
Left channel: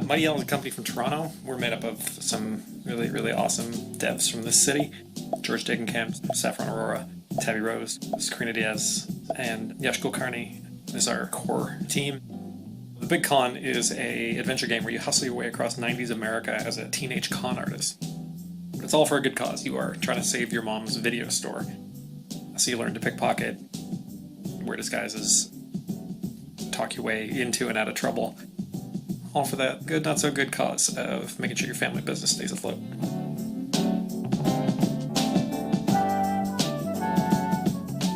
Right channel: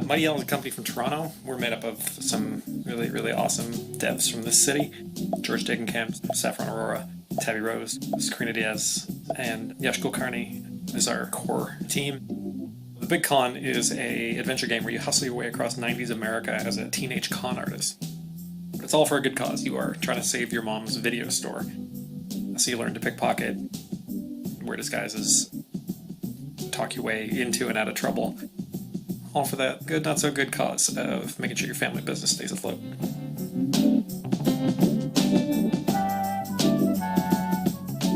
Mighty Owl is a company from Toronto. We're made up of some really, really awesome devs from this city. George Degenkamp, Saffron Aurora, Tabby Rose, Sakrina Diaz, and Yash Kulkarni is our core team. The Big Con is a adventure game where you hustle your way across 90s America as a teenage con artist. But it's all for a good cause. You are trying to save your mom's video store. So you learn to pickpocket, wear disguises, talk your way into and out of trouble. All for that good, not so good cause of making sure your family business stays afloat.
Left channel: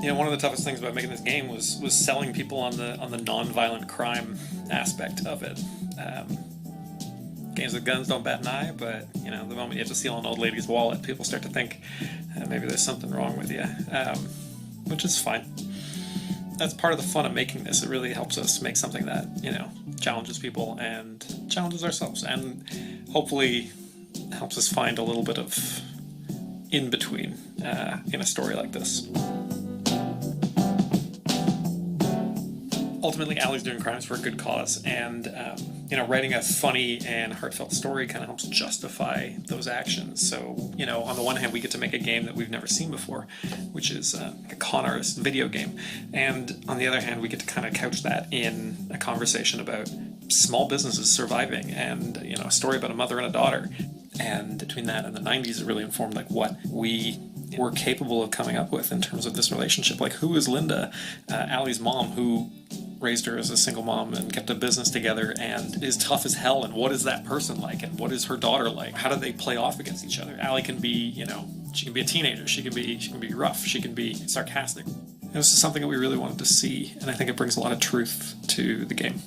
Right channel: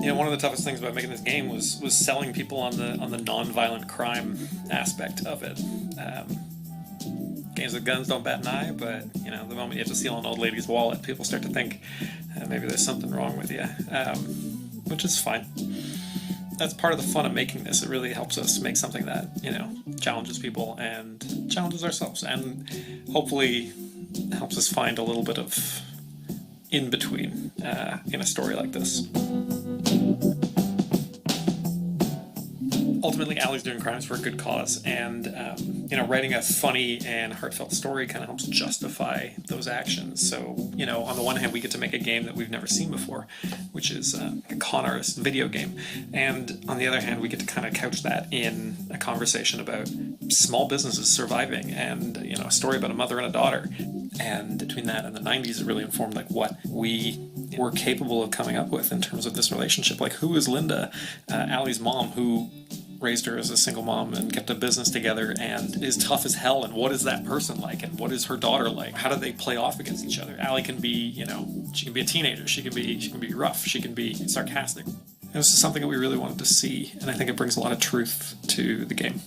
You know, one of the toughest things about making this game was selling people on the non-violent crime aspect of it. Games with guns don't bat an eye, but you know, the moment you have to steal an old lady's wallet, people start to think maybe there's something wrong with you, which is fine. That's part of the fun of making this. It really helps us make something that, you know, challenges people and challenges ourselves, and hopefully helps us find a little bit of in-between in a story like this. Ultimately, Allie's doing crimes for a good cause, and you know, writing a funny and heartfelt story kind of helps justify those actions. So, you know, on the one hand, we get to make a game that we've never seen before, which is a con artist video game, and on the other hand, we get to kind of couch that in a conversation about small businesses surviving, and you know, a story about a mother and a daughter. And between that and the 90s, it really informed like what we were capable of coming up with in terms of this relationship. Like, who is Linda, Allie's mom, who raised her as a single mom and kept a business together and is tough as hell, and what is that person like, and what is her daughter like? How do they play off against each other? Allie can be, you know, she can be a teenager, she can be rough, she can be sarcastic. And this is something that we really wanted to see, and I think it brings a lot of truth to the game.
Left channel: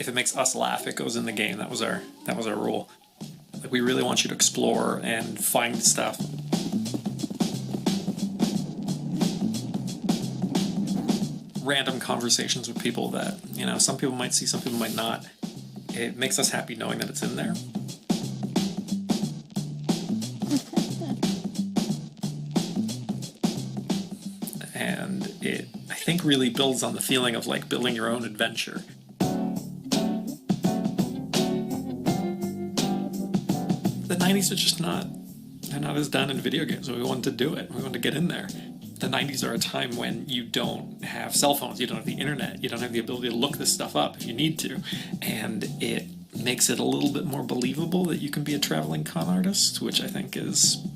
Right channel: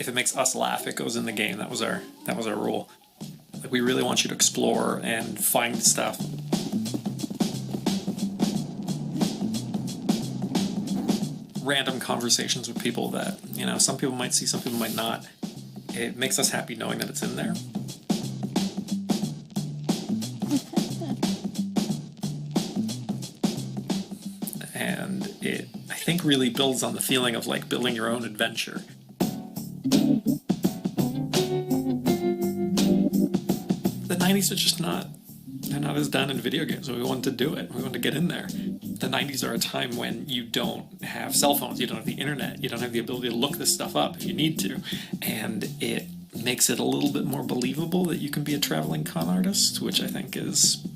If it makes us laugh, it goes in the game. That was our rule. Like, we really want you to explore and find stuff. Random conversations with people that, you know, some people might see, some people might not. It makes us happy knowing that it's in there. And it, I think, really builds on the feeling of like building your own adventure. The 90s are just they're not as done in video games, so we wanted to do it. We wanted to get in there. The 90s are a time when you don't have cell phones, you don't have the internet, you don't have the ability to look this stuff up if you need to, and it makes it a little bit more believable that you can be a traveling con artist, which I think is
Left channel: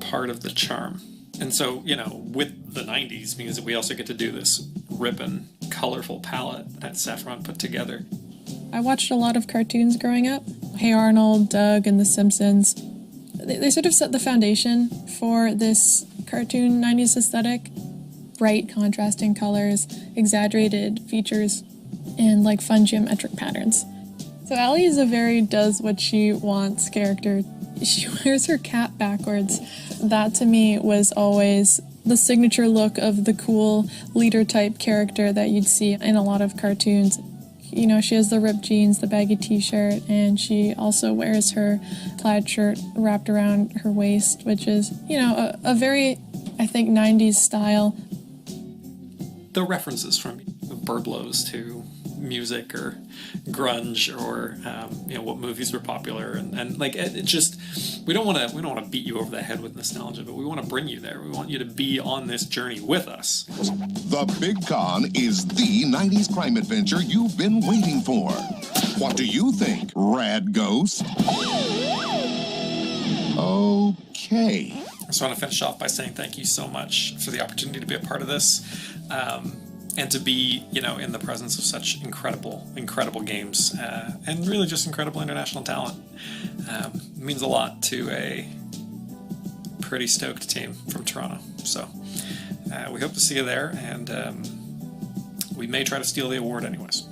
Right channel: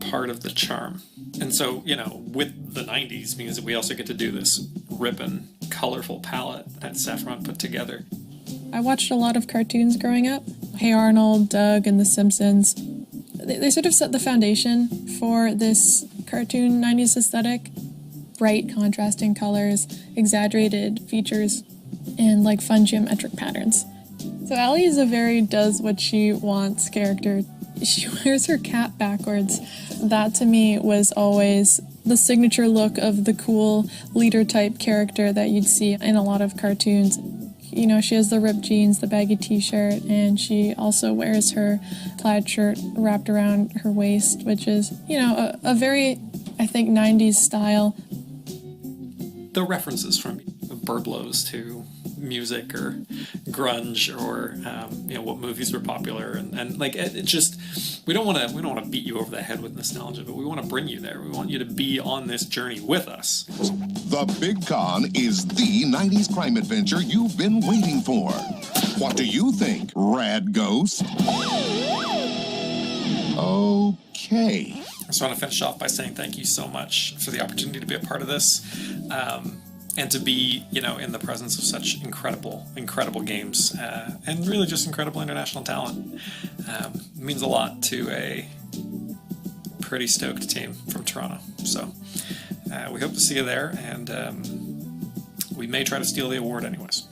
part of the charm. And so, you know, with the 90s means that we also get to do this ripping, colorful palette that Saffron put together. I watched a lot of cartoons growing up. Hey Arnold, Doug, and The Simpsons. They sort of set the foundation for this cartoon 90s aesthetic. Bright, contrasting colors, exaggerated features, and like fun geometric patterns. So Allie is a very does what she wants character. She wears her cap backwards. That to me was always the signature look of the cool leader type character that you'd see in a lot of cartoons. You know, she has the ripped jeans, the baggy t-shirt, and she also wears her plaid shirt wrapped around her waist, which is, you know, a very, I think, 90s style. The references from Burblos to music or grunge or you know, what movies were popular, and like it just, we don't want to beat you over the head with nostalgia, but we want to bring you there. We want you to be on this journey with us. The Big Con is the 90s crime adventure you've been waiting for. What do you think, Rad Ghost? Okay. I just want to finish off by saying thank you so much for the opportunity to be a part of this. And to be, you know, in the presence of such incredible games, and really just incredible international talent. Means a lot to a pretty stoked team from Toronto. So we hope to see you there, and we may try to steal the award anyways.